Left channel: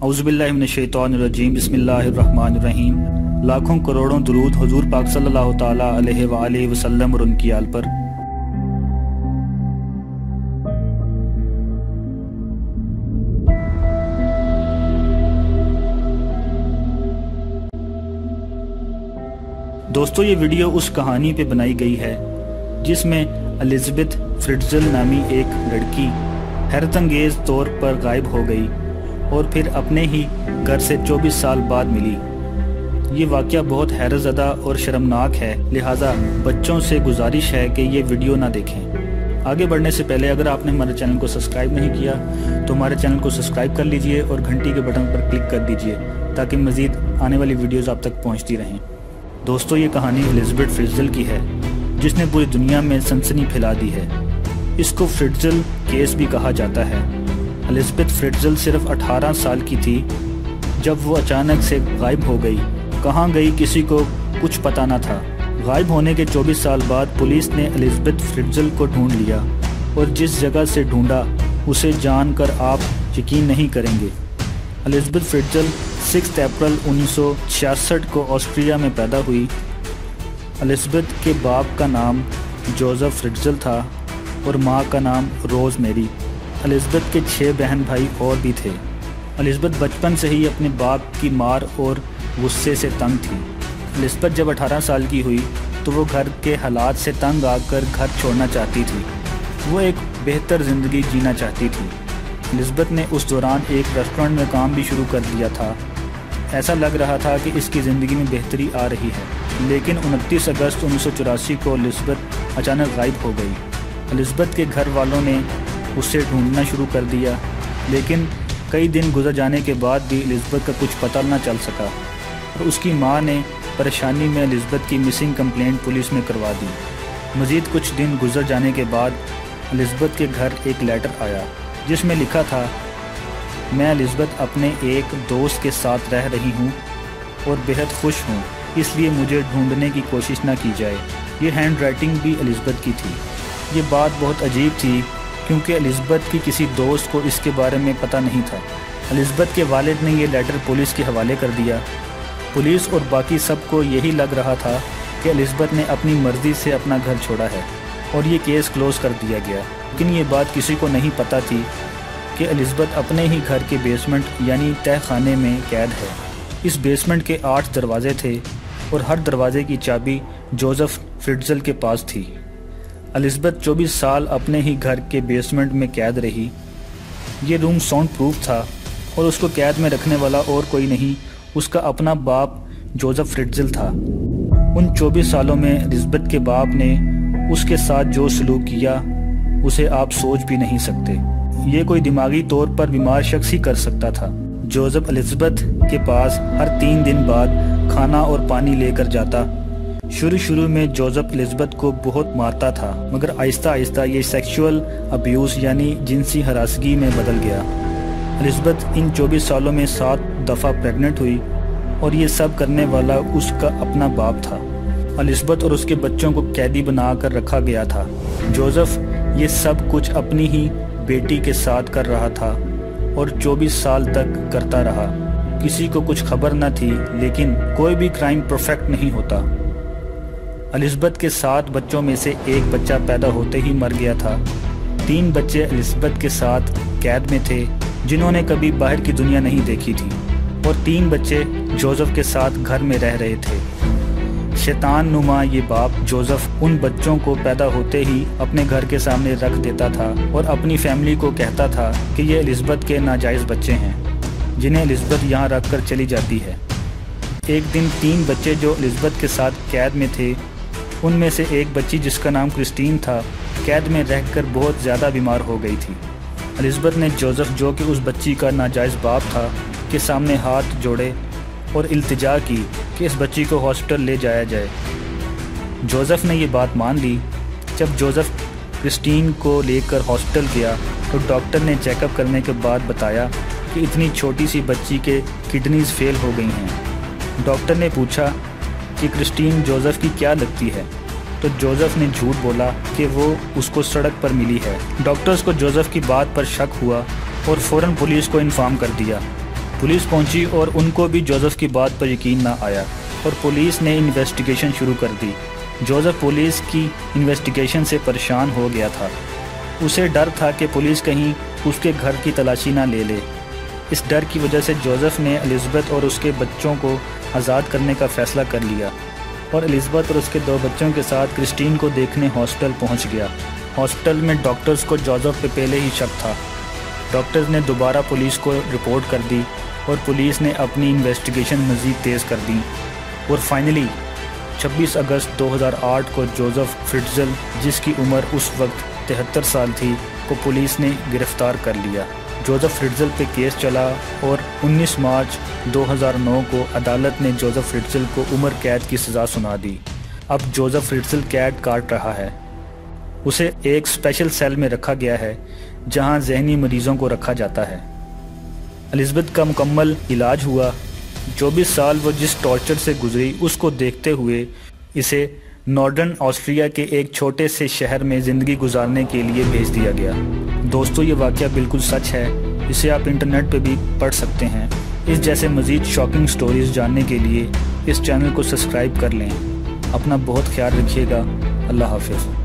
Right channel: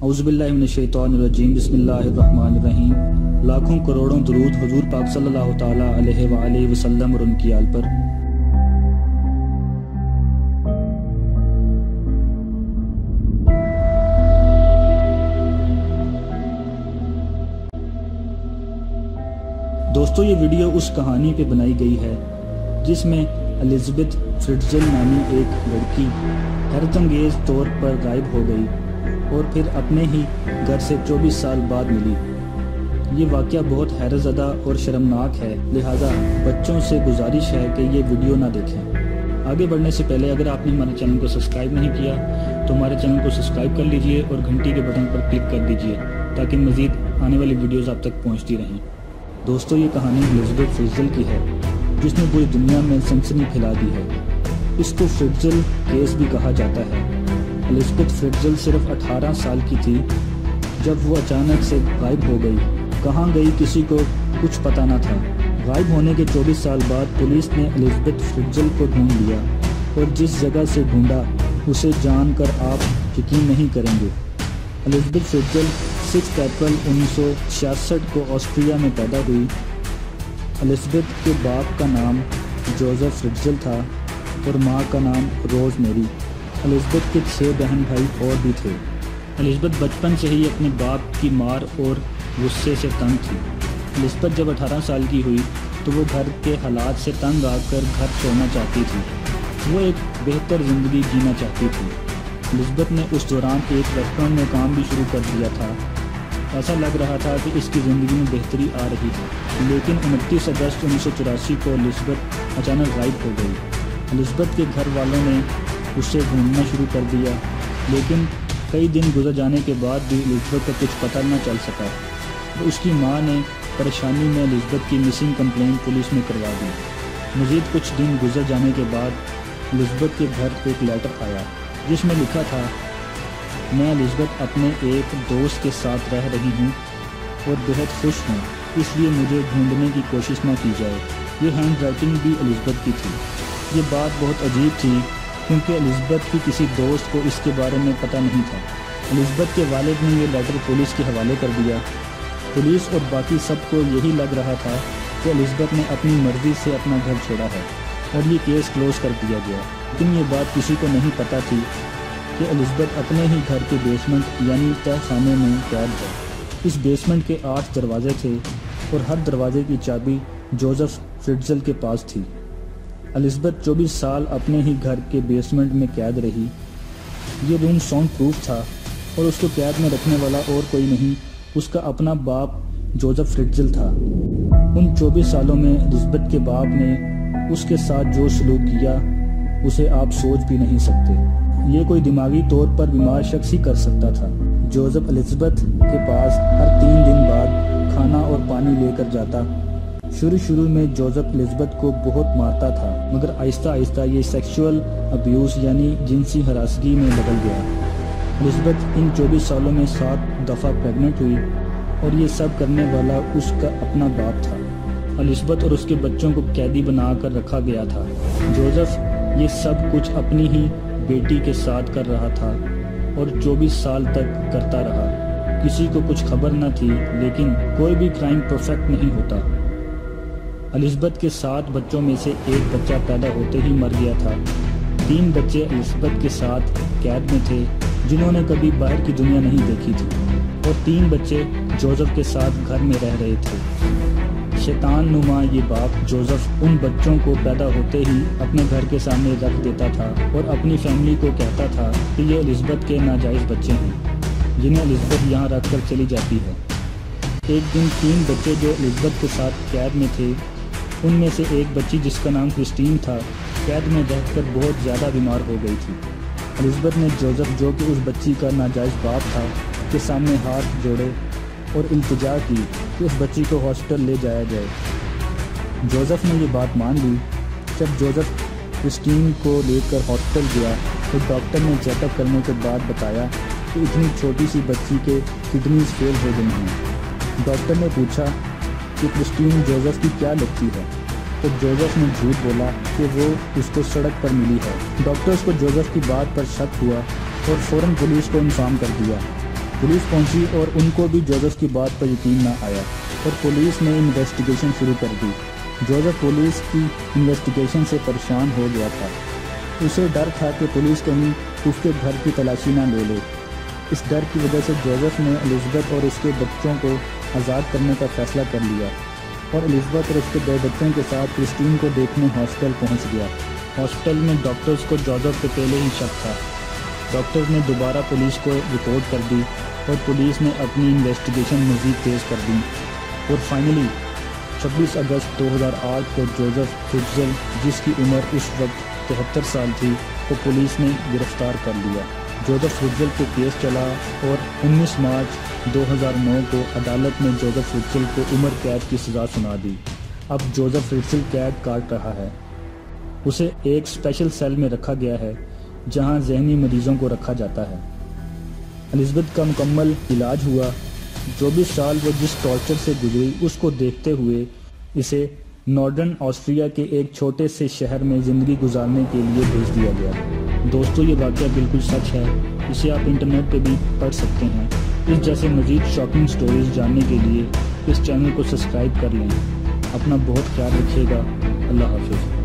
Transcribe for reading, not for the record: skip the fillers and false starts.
औज़ुबिल्लाहि मिनश्शैतानिर्रजीम बिस्मिल्लाहिर्रहमानिर्रहीम। लाखों करोड़ों दुरूद हुजूर पाक सल्लल्लाहु ताला अलैहि वसल्लम और उनकी आल पर। दोस्तों, ये वीडियो उस कहानी पे बनाई गई है जिसमें एलिज़ाबेथ फ्रिट्ज़ल नामी एक लड़की हैरतअंगेज़ तौर पर गायब हो गई और फिर अपने ही घर से 24 साल बाद मिली। ये वाक़या बहुत हैरतज़दा और शर्मनाक है, लिहाजा बच्चों से गुजारिश है कि ये वीडियो ना देखें। आगे बढ़ने से पहले अगर आपने हमारे चैनल को सब्सक्राइब नहीं किया तो हमारे चैनल को सब्सक्राइब कर लीजिए और घंटी के बटन पर क्लिक कर दीजिए ताकि मज़ीद आने वाली वीडियोस आप तक पहुंचती रहें। दोस्तों, ये कहानी एलिज़ाबेथ फ्रिट्ज़ल की है जिसने पूरी दुनिया में सनसनी फैला दी है। इसको फ्रिट्ज़ल केस भी कहा जाता है। एलिज़ाबेथ फ्रिट्ज़ल सिर्फ 18 साल की थी जब वो अचानक से गायब हो गई। कहाँ गई किसी को कुछ पता न था। गायब होने के 24 साल बाद पुलिस ने एलिज़ाबेथ फ्रिट्ज़ल को ढूंढ लिया और जिस जगह से ढूंढा उसे जानकर आप यकीन नहीं करेंगे। एलिज़ाबेथ फ्रिट्ज़ल 6 अप्रैल 1966 को ऑस्ट्रिया में पैदा हुई। एलिज़ाबेथ के बाप का नाम जोसेफ फ्रिट्ज़ल था और माँ का नाम रोज़ मेरी। एलिज़ाबेथ के 6 बहन भाई और भी थे। एलिज़ाबेथ बचपन से ही अपने बाप की मार और गुस्से से तंग थी। एलिज़ाबेथ जब 18 साल की हुई तो वो घर के हालात से तंग आकर घर छोड़ना चाहती थी। वो एक बेहतर ज़िंदगी जीना चाहती थी। एलिज़ाबेथ ने उस दौरान एक रेस्टोरेंट में काम भी शुरू कर दिया था। ऐसा लग रहा था कि इसकी ज़िंदगी में बेहतरी आ रही है, लेकिन 29 अगस्त 1984 को एलिज़ाबेथ अचानक गायब हो गई। एलिज़ाबेथ के घर वालों ने उसे ढूंढना शुरू कर दिया, लेकिन कई दिन गुजर जाने के बाद भी एलिज़ाबेथ का कुछ पता न चल सका। उसकी मां ने परेशानी में एलिज़ाबेथ की मिसिंग कंप्लेंट पुलिस में करवा दी। मज़ीद कुछ दिन गुजर जाने के बाद एलिज़ाबेथ के घर एक लेटर आया जिसमें लिखा था, मैं एलिज़ाबेथ अपने एक दोस्त के साथ रह रही हूँ और बेहद खुश हूँ, इसलिए मुझे ढूंढने की कोशिश न की जाए। ये हैंड राइटिंग भी एलिज़ाबेथ की थी। ये बात बहुत अजीब थी क्योंकि एलिज़ाबेथ की किसी दोस्त को इसके बारे में पता नहीं था। एलिज़ाबेथ के वालिद ने ये लेटर पुलिस के हवाले कर दिया। पुलिस और बाकी सबको यही लग रहा था कि एलिज़ाबेथ ने अपनी मर्ज़ी से अपना घर छोड़ा है और ये केस क्लोज कर दिया गया। लेकिन ये बात किसी को नहीं पता थी कि एलिज़ाबेथ अपने ही घर के बेसमेंट यानी तहखाने में कैद है। इस बेसमेंट के 8 दरवाजे थे और हर दरवाजे की चाबी जोसेफ फ्रिट्ज़ल के पास थी। एलिज़ाबेथ 24 साल अपने ही घर के बेसमेंट में कैद रही। ये रूम साउंड प्रूफ था और उसको कैद में रखने वाला और कोई नहीं, उसका अपना बाप जोसेफ फ्रिट्ज़ल था। उन 24 सालों में एलिज़ाबेथ के बाप ने उसके साथ जो सलूक किया उसे आप सोच भी नहीं सकते। ये कोई दिमागी तौर पर बीमार शख्स ही कर सकता था। जोसेफ एलिज़ाबेथ के पास हर 3 दिन बाद खाना और पानी लेकर जाता। शुरू में जोसेफ एलिज़ाबेथ को बहुत मारता था, मगर आहिस्ता आहिस्ता ये सेक्सुअल अब्यूज़ यानी जिनसी हरासगी में बदल गया। एलिज़ाबेथ इन 24 सालों में 7 दफ़ा प्रेग्नेंट हुई और ये सब करने वाला उसका अपना बाप था। एलिज़ाबेथ और उसके बच्चों को कैदी बनाकर रखा गया था। जोसेफ ये सब कुछ अपनी ही बेटी के साथ कर रहा था और 24 साल तक करता रहा। किसी को कुछ खबर न थी, लेकिन कोई भी क्राइम परफेक्ट नहीं होता। एलिज़ाबेथ के 7 बच्चों में से एक बच्चा पैदा होते ही मर गया था। 3 बच्चे एलिज़ाबेथ के साथ कैद में थे जिन्होंने कभी बाहर की दुनिया नहीं देखी थी और 3 बच्चे जोसेफ के साथ घर में रह रहे थे। शैतान नुमा ये बाप जोसेफ उन बच्चों को पैदा होते ही अपने घर के सामने रख देता था और अपनी फैमिली को कहता था कि ये एलिज़ाबेथ के नाजायज़ बच्चे हैं जिन्हें एलिज़ाबेथ यहाँ रख कर चली जाती है। एक दिन 3 बच्चे जो एलिज़ाबेथ के साथ कैद में थे, उनमें से एक बच्ची जिसका नाम क्रिस्टीन था, कैद में रहकर बहुत ज़्यादा बीमार हो गई थी। एलिज़ाबेथ ने जोसेफ, जो कि उस बच्ची का नाजायज़ बाप था, के सामने हाथ जोड़े और इल्तिजा की कि इस बच्ची को हॉस्पिटल ले जाया जाए। जोसेफ ने ये बात मान ली। जब जोसेफ क्रिस्टीन को लेकर हॉस्पिटल गया तो डॉक्टर ने चेकअप करने के बाद बताया कि इतनी छोटी सी बच्ची के किडनीज फेल हो गई हैं। डॉक्टर ने पूछा कि क्रिस्टीन जोसेफ की क्या लगती है, तो जोसेफ ने झूठ बोला कि वो उसको सड़क पर मिली है। डॉक्टर्स को जोसेफ की बात पर शक हुआ और फ़ौरन पुलिस को इन्फॉर्म कर दिया। पुलिस पहुंची और उनको भी जोसेफ की बात पर यकीन ना आया और पुलिस ने इन्वेस्टिगेशन शुरू कर दी। जोसेफ पुलिस की इन्वेस्टिगेशन से परेशान हो गया था। उसे डर था कि पुलिस कहीं उसके घर की तलाशी ना ले ले। इस डर की वजह से जोसेफ ने एलिज़ाबेथ और उसके बच्चों को आज़ाद करने का फ़ैसला कर लिया और एलिज़ाबेथ और उसके 2 बच्चों के साथ क्रिस्टीन को देखने हॉस्पिटल पहुंच गया। हॉस्पिटल में डॉक्टर्स को जोसेफ पे पहले ही शक था। डॉक्टर्स ने दोबारा पुलिस को रिपोर्ट कर दी और पुलिस ने अपनी इन्वेस्टिगेशन मज़ीद तेज़ कर दी और फाइनली 26 अगस्त 2008 को जोसेफ फ्रिट्ज़ल, जिसकी उम्र उस वक्त 73 साल थी, को पुलिस ने गिरफ्तार कर लिया। जोसेफ फ्रिट्ज़ल पे केस चला और 19 मार्च 2009 को अदालत ने जोसेफ फ्रिट्ज़ल को उम्र कैद की सज़ा सुना दी। अब जोसेफ फ्रिट्ज़ल कैद काट रहा है। उसे एक स्पेशल सेल में रखा गया है जहां जहनी मरीजों को रखा जाता है। एलिज़ाबेथ का मुकम्मल इलाज हुआ। 24 साल वो जिस टॉर्चर से गुजरी उसको देखते हुए इसे नॉर्दर्न ऑस्ट्रिया के एक छोटे से शहर में ज़िंदगी गुजारने के लिए भेज दिया गया। दोस्तों, ये वाक़या बिल्कुल सच है। इसे आप इंटरनेट पे भी पढ़ सकते हैं। इस जैसे मज़ीद शॉकिंग स्टोरीज़ जानने के लिए इस चैनल को सब्सक्राइब कर लें। अपना बहुत ख्याल रखिएगा। अल्लाह हाफ़िज़।